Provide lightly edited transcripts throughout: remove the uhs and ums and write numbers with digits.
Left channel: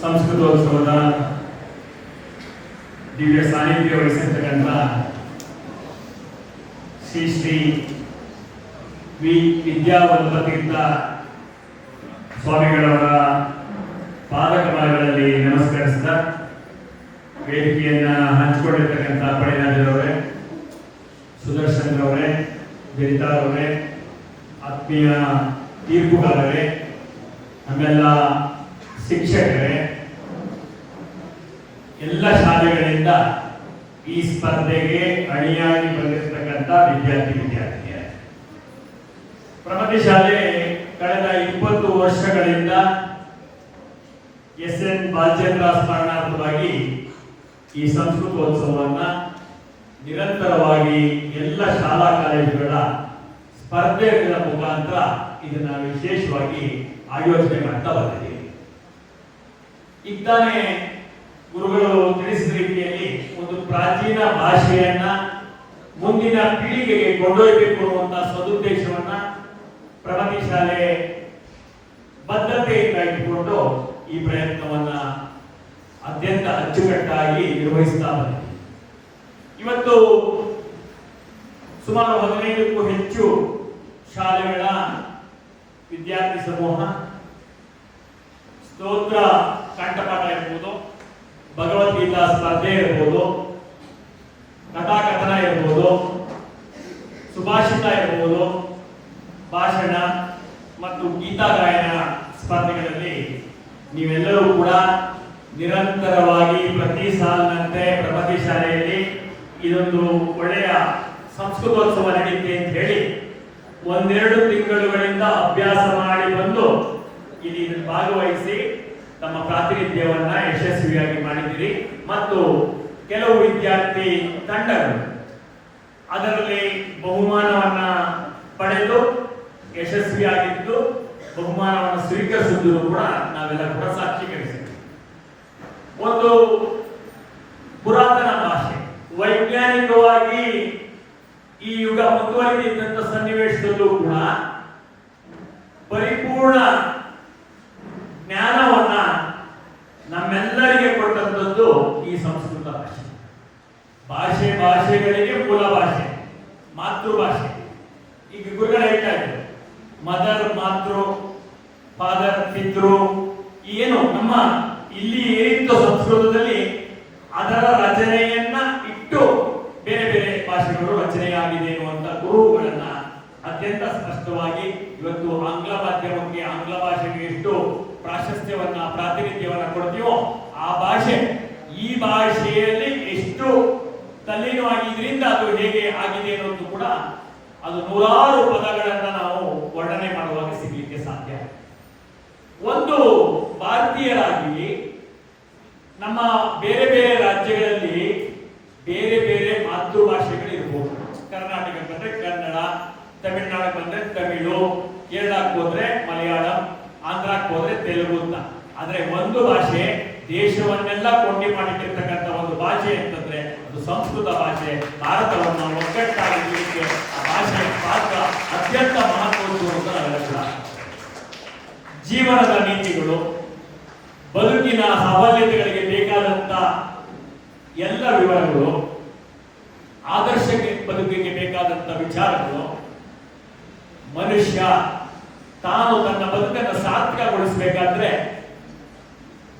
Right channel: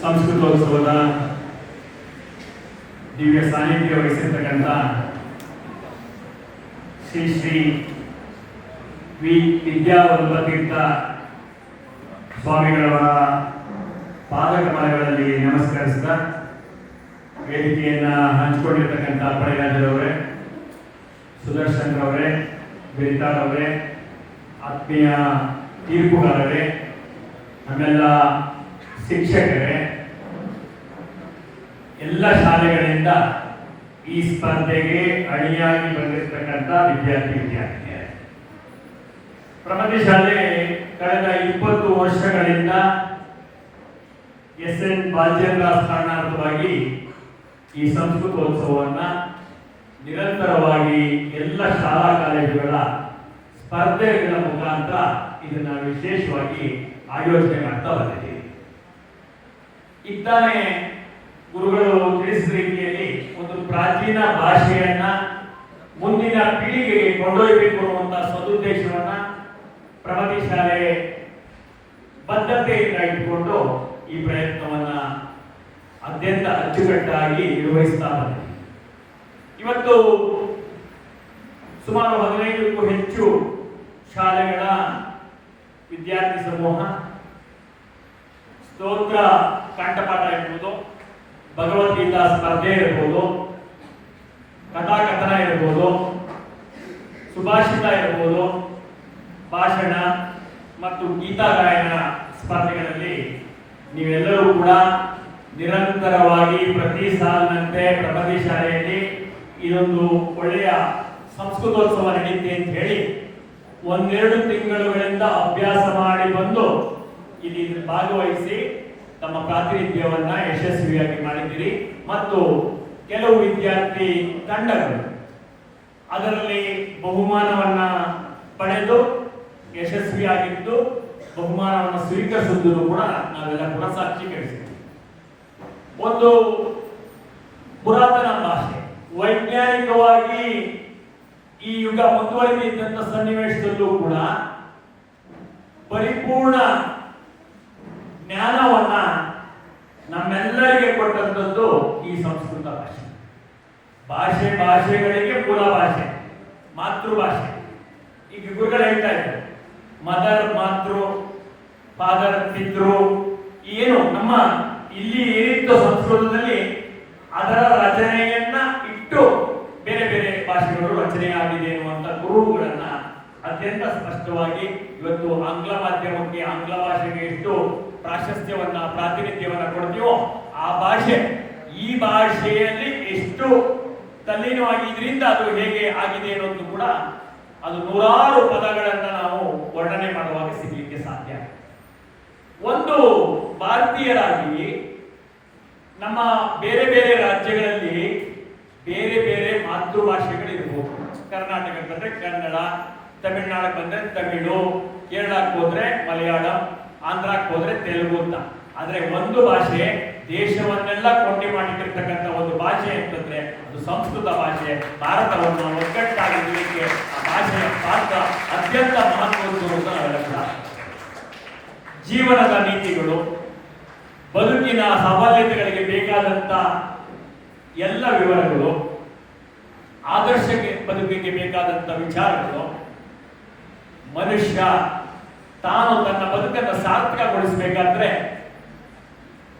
ಸಂಸ್ಕೃತೋತ್ಸವದ ದಿವ್ಯ ಸಾನ್ನಿಧ್ಯ ವಹಿಸಿರ್ತಕ್ಕಂಥ ಶ್ರೀ ಶ್ರೀ ವಿ ವಿದ್ಯಾವಲ್ಲಭತೀರ್ಥ ಸ್ವಾಮಿಗಳವರ ಪಾದಕಮಲಗಳಲ್ಲಿ ನಮಸ್ಕರಿಸಿದ ವೇದಿಕೆಯನ್ನ ಹಂಚಿಕೊಂಡಿರ್ತಕ್ಕಂಥ ಪಡೆರಾಜರವರೇ, ಸುದರ್ಶನ್ ರವರೇ, ಬೆರಿತಾರವರೇ, ಆತ್ಮೀಯ ತೀರ್ಪುಗಾರರೇ, ನಮ್ಮೆಲ್ಲ ಶಿಕ್ಷಕರೇ, ಎಲ್ಲ ಶಾಲೆಗಳಿಂದ ಈ ಸ್ಪರ್ಧೆಗೆ ಅಣಿಯಾಗಿ ಬಂದಿರತಕ್ಕಂಥ ವಿದ್ಯಾರ್ಥಿನಿಯರೇ, ಪ್ರಗತಿ ಶಾಲೆ ಕಳೆದ 20 ವರ್ಷಗಳಿಂದ ಎಸ್.ಎನ್. ಬಾಲಚಂದ್ರ ಸ್ಮರಣಾರ್ಥವಾಗಿ ಈ ಸಂಸ್ಕೃತೋತ್ಸವವನ್ನು ನಿರಂತರವಾಗಿ ಎಲ್ಲ ಶಾಲಾ ಕಾಲೇಜುಗಳ ಸ್ಪರ್ಧೆಗಳ ಮುಖಾಂತರ ಇದನ್ನು ವಿಶೇಷವಾಗಿ ಆಯೋಜನೆ ಮಾಡ್ತಾ ಬಂದಿದ್ದೀವಿ. ಇದ್ದಾನೆ ಗುರುಗಳು ತಿಳಿಸಿದ ರೀತಿಯಲ್ಲಿ ಒಂದು ಪ್ರಾಚೀನ ಭಾಷೆಯನ್ನ ಮುಂದಿನ ಪೀಳಿಗೆಗೆ ಕೊಂಡೊಯ್ಯಬೇಕು ಅನ್ನುವಂತಹ ಸದುದ್ದೇಶವನ್ನ ಪ್ರಗತಿ ಶಾಲೆ ಬದ್ಧತೆಯಿಂದ ಇಟ್ಟುಕೊಂಡು ಈ ಪ್ರಯತ್ನವನ್ನ ಅತ್ಯಂತ ಅಚ್ಚುಕಟ್ಟಾಗಿ ನಿರ್ವಹಿಸ್ತಾ ಬಂದಿದೆ. ಇವತ್ತು ಸುಮಾರು 15ಕ್ಕೂ ಹೆಚ್ಚು ಶಾಲೆಗಳ ವಿದ್ಯಾರ್ಥಿ ಸಮೂಹ ಸ್ತೋತ್ರ ಕಂಠಪಾಠ ಇರ್ಬೋದು, ಭಗವದ್ಗೀತಾ ಸ್ಪರ್ಧೆ ಇರ್ಬೋದು, ಕಥಾಕಥನ ಇರ್ಬೋದು, ಸುಭಾಷಿತ ಇರ್ಬೋದು, ಭಾಷಣ ಮತ್ತು ಗೀತಾ ಗಾಯನ ಸ್ಪರ್ಧೆಗಳಲ್ಲಿ ನೀವೆಲ್ಲರೂ ಕೂಡ ನಿರಂತರವಾಗಿ ಪ್ರತಿ ಸಾಲಿನಂತೆ ಪ್ರಗತಿ ಶಾಲೆಯಲ್ಲಿ ಇದೊಂದು ಒಳ್ಳೆಯ ಸಂಸ್ಕೃತೋತ್ಸವ ನಡೆಯುತ್ತೆ ಅಂತ ಹೇಳಿ 1-2 ತಿಂಗಳುಗಳಿಂದ ಅಭ್ಯಾಸ ಮಾಡಿ ಬಂದು ಇಲ್ಲಿ ಭಾಗವಹಿಸಿ ತಮ್ಮ ಪ್ರಾತಿನಿಧ್ಯವನ್ನ ಯಶಸ್ವಿಯಾಗಿ ಮಾಡಿದ್ದೀರಿ. ಮತ್ತು ಕೆಲವು ವಿದ್ಯಾರ್ಥಿ ತಂಡಗಳು ಅದರಲ್ಲಿ ಬಹುಮಾನವನ್ನ ಪಡೆದು ಯಶಸ್ವಿಯಾಗಿದ್ದು ಬಹುಮಾನವನ್ನು ಸ್ವೀಕರಿಸಿದ್ದು ಕೂಡ ನಾವೆಲ್ಲ ಕೂಡ ಸಾಕ್ಷೀಕರಿಸಿದ್ದೀವಿ. ಒಂದು ಪುರಾತನ ಭಾಷೆ ವೈಜ್ಞಾನಿಕವಾಗಿ ಈ ಯುಗ ಮುಂದುವರಿದಿದ್ದಂಥ ಸನ್ನಿವೇಶದಲ್ಲೂ ಕೂಡ ಪರಿಪೂರ್ಣ ಜ್ಞಾನವನ್ನ ನಮ್ಮೆಲ್ಲರಿಗೆ ಕೊಟ್ಟಂಥದ್ದು ಈ ಸಂಸ್ಕೃತ ಭಾಷೆಗಳಿಗೆ ಮೂಲ ಭಾಷೆ ಮಾತೃಭಾಷೆ. ಈಗ ಗುರುಗಳು ಹೇಳ್ತಾ ಇದ್ದಾರೆ ಮದರ್, ಮಾತೃ, ಫಾದರ್, ಪಿತೃ, ಏನು ನಮ್ಮ ಇಲ್ಲಿ ಏನಿತ್ತು ಸಂಸ್ಕೃತದಲ್ಲಿ ಅದರ ರಚನೆಯನ್ನ ಇಟ್ಟು ಬೇರೆ ಬೇರೆ ಭಾಷೆಗಳು ರಚನೆಯಾಗಿದೆ ಎನ್ನುವಂತ ಗುರುಗಳನ್ನ ಅತ್ಯಂತ ಸ್ಪಷ್ಟವಾಗಿ ಇವತ್ತು ಆಂಗ್ಲ ಮಾಧ್ಯಮಕ್ಕೆ, ಆಂಗ್ಲ ಭಾಷೆಗೆ ಎಷ್ಟು ಪ್ರಾಶಸ್ತ್ಯವನ್ನ ಪ್ರಾತಿನಿಧ್ಯವನ್ನ ಕೊಡ್ತೀವೋ ಆ ಭಾಷೆ ಈ ಭಾಷೆಯಲ್ಲಿ ಎಷ್ಟು ತಲ್ಲೀನವಾಗಿ ಇದರಿಂದ ಅದು ಹೇಗೆ ಆಗಿದೆ ಅನ್ನೋದು ಕೂಡ ಅದು ನೂರಾರು ಪದಗಳನ್ನ ನಾವು ವರ್ಣನೆ ಮಾಡುವಾಗ ಸಿಗಲಿಕ್ಕೆ ಸಾಧ್ಯ. ಒಂದು ಭಾರತೀಯರಾಗಿ ನಮ್ಮ ಬೇರೆ ಬೇರೆ ರಾಜ್ಯಗಳಲ್ಲಿ ಬೇರೆ ಬೇರೆ ಮಾತೃಭಾಷೆಗಳಿರ್ಬೋದು. ಕರ್ನಾಟಕಕ್ಕೆ ಬಂದ್ರೆ ಕನ್ನಡ, ತಮಿಳುನಾಡಿಗೆ ಬಂದ್ರೆ ತಮಿಳು, ಕೇರಳಕ್ಕೆ ಹೋದ್ರೆ ಮಲಯಾಳಂ, ಆಂಧ್ರಕ್ಕೆ ಹೋದ್ರೆ ತೆಲುಗು ಅಂತ. ಆದ್ರೆ ಒಂದು ಭಾಷೆ ದೇಶವನ್ನೆಲ್ಲ ಕೊಂಡಿ ಮಾಡಿಟ್ಟಿರ್ತಕ್ಕಂಥ ಒಂದು ಭಾಷೆ ಅಂತಂದ್ರೆ ಅದು ಸಂಸ್ಕೃತ ಭಾಷೆ. ಭಾರತವನ್ನು ಒಗ್ಗಟ್ಟಾಗಿರಲಿಕ್ಕೆ ಆ ಭಾಷೆಯ ಪಾತ್ರ ಅತ್ಯಂತ ಮಹತ್ವದ್ದು ಅಂತ ನಾವೆಲ್ಲ ಕೂಡ. ಜೀವನದ ನೀತಿಗಳು, ಬದುಕಿನ ಸಫಲತೆಗಳಿಗೆ ಬೇಕಾದಂತ ಎಲ್ಲ ವಿವರಗಳು, ಆದರ್ಶಕ್ಕೆ ಬದುಕಿಗೆ ಬೇಕಾದಂತ ವಿಚಾರಗಳು, ಮನುಷ್ಯ ತಾನು ತನ್ನ ಬದುಕನ್ನು ಸಾರ್ಥಕಗೊಳಿಸಬೇಕಾದ್ರೆ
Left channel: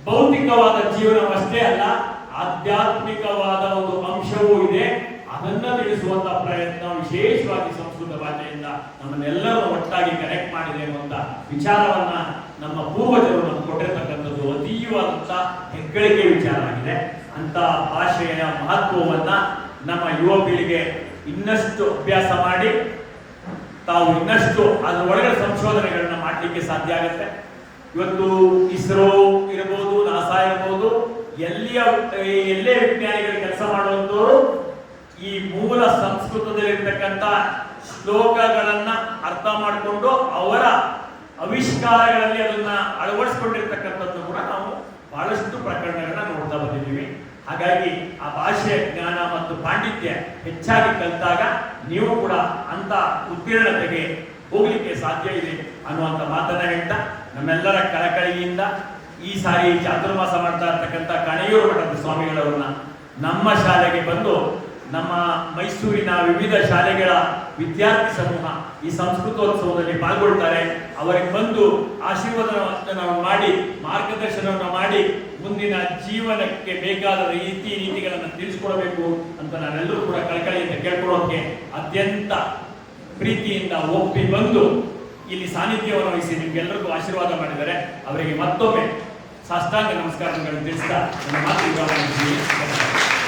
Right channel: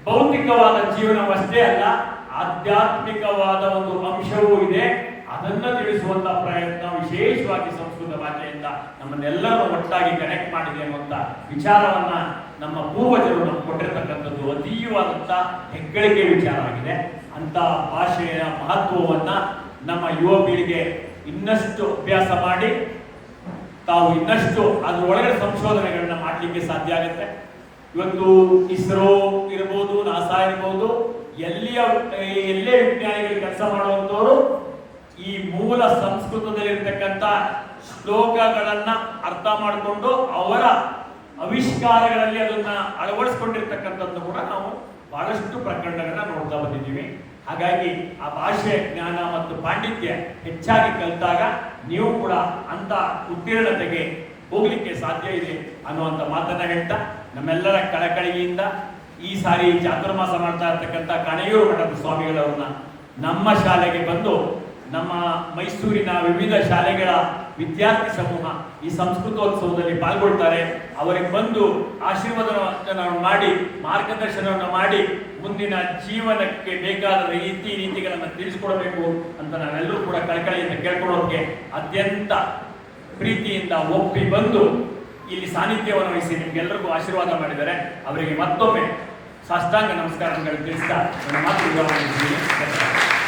ಭೌತಿಕವಾದ ಜೀವನವಷ್ಟೇ ಅಲ್ಲ, ಆಧ್ಯಾತ್ಮಿಕವಾದ ಒಂದು ಅಂಶವೂ ಇದೆ. ಅದನ್ನ ತಿಳಿಸುವಂತ ಪ್ರಯತ್ನ ವಿಶೇಷವಾಗಿ ಸಂಸ್ಕೃತ ಭಾಷೆಯಿಂದ ನಮ್ಮನ್ನೆಲ್ಲರೂ ಒಟ್ಟಾಗಿ ಕನೆಕ್ಟ್ ಮಾಡಿದೆ ಅನ್ನುವಂತ ವಿಚಾರವನ್ನ ನಮ್ಮ ಪೂರ್ವಜರು ನಮ್ಗೆ ಕೊಟ್ಟಿರತಕ್ಕಂಥದ್ದು ಅತೀವಾದಂತ ಹೆಗ್ಗಳಿಕೆ ವಿಚಾರ ಆಗಿದೆ. ಅಂತ ಭಾಷೆಯ ಮಹತ್ವವನ್ನ ನಮ್ಮ ಯುವ ಪೀಳಿಗೆ ಇನ್ನಷ್ಟು ಅಭ್ಯಾಸ ಮಾಡಿ ತಾವು ಇನ್ನಷ್ಟು ಅದರ ಒಳಗಡೆ ಸಂಶೋಧನೆಗಳನ್ನ ಮಾಡಲಿಕ್ಕೆ ಸಾಧ್ಯ ಆಗುತ್ತೆ. ಇವತ್ತು ಇಸ್ರೋ ಇರಬಹುದು, ನಾಸಾ ಇರಬಹುದು, ಎಲ್ಲೇ ವಿಜ್ಞಾನಿಗಳು ಕೆಲಸ ಮಾಡುವಂತವರು ಈ ಮೂಲ ಸಂಸ್ಕೃತದಲ್ಲಿರ್ತಕ್ಕಂಥ ಶ್ಲೋಕಗಳನ್ನ ಅರ್ಥ ಮಾಡಿಕೊಂಡು ಅವರ ಆವಿಷ್ಕಾರಗಳಲ್ಲಿ ಅದನ್ನ ಅಳವಡಿಸಿಕೊಂಡಿರ್ತಕ್ಕಂಥದ್ದು ಕೂಡ ನಾವು ಬಹಳಷ್ಟು ಪ್ರಕರಣಗಳನ್ನ ನೋಡ್ತಾ ಬಂದಿದ್ದೀವಿ. ಹಾಗಾಗಿ ಆ ಭಾಷೆಯ ಜ್ಞಾನ ಮತ್ತು ಪಾಂಡಿತ್ಯ ಹೆಚ್ಚಾಗಿ ಕಲಿತಾಗ ನೀವು ಕೂಡ ಅಂತ ಉತ್ತೀರ್ಣತೆಗೆ ಹೋಗ್ಲಿಕ್ಕೆ ಸಾಧ್ಯ ಇದೆ ಅನ್ನುವಂಥ ಮಾತನ್ನ ಹೇಳ್ತಾ ನಮ್ಮೆಲ್ಲರ ಕಳಕಳಿಯಿಂದ ಈ ಸಾರಿ ಚಾತುರ್ಮಾಸ ಮಾಡ್ತಾ ಇರ್ತಕ್ಕಂಥ ಕಣಯೂರು ಮಠದ ಸ್ವಾಮಿಗಳವ್ರನ್ನ ನಮ್ಮ ಶಾಲೆಗೆ ಬಂದು ನಮ್ಮ ಮೈಸೂರಿನ ವಿವಿಧ ಶಾಲೆಗಳ ವಿದ್ಯಾರ್ಥಿ ಸಮೂಹ ಈ ಸಂಸ್ಕೃತೋತ್ಸವದಲ್ಲಿ ಪಾಲ್ಗೊಳ್ತಾರೆ. ಅವರಿಗೆ ಬಂದು ಆಶೀರ್ವಾದವನ್ನು ಮಾಡಿ ಮಾರ್ಗದರ್ಶನವನ್ನು ಮಾಡಿ ಮುಂದಿನ ಜೀವನಕ್ಕೆ ಬೇಕಾದ ರೀತಿ ನೀತಿಗಳನ್ನು ತಿಳಿಸ್ಕೊಡ್ಬೇಕು ಅಂತ ನಾವೆಲ್ಲರೂ ಕೂಡ ಕಳಕಳಿಯಿಂದ ಕೇಳ್ಕೊಳ್ಳೋದಕ್ಕೆ ಅತ್ಯಂತ ಪ್ರೀತಿಯಿಂದ ಒಪ್ಪಿ ಬಂದು ಇಲ್ಲಿ ಸಾನ್ನಿಧ್ಯವನ್ನು ವಹಿಸಿ ನಿಮ್ಗೆಲ್ಲರಿಗೂ ಆಶೀರ್ವಾದ ಮಾಡಿದ್ದಾರೆ. ಅವರಿಗೆ ಮತ್ತೊಮ್ಮೆ ಸಾಷ್ಟಾಂಗ ನಮಸ್ಕಾರಗಳನ್ನು ತಿಳಿಸ್ತಾ ನನ್ನ ಮಾತು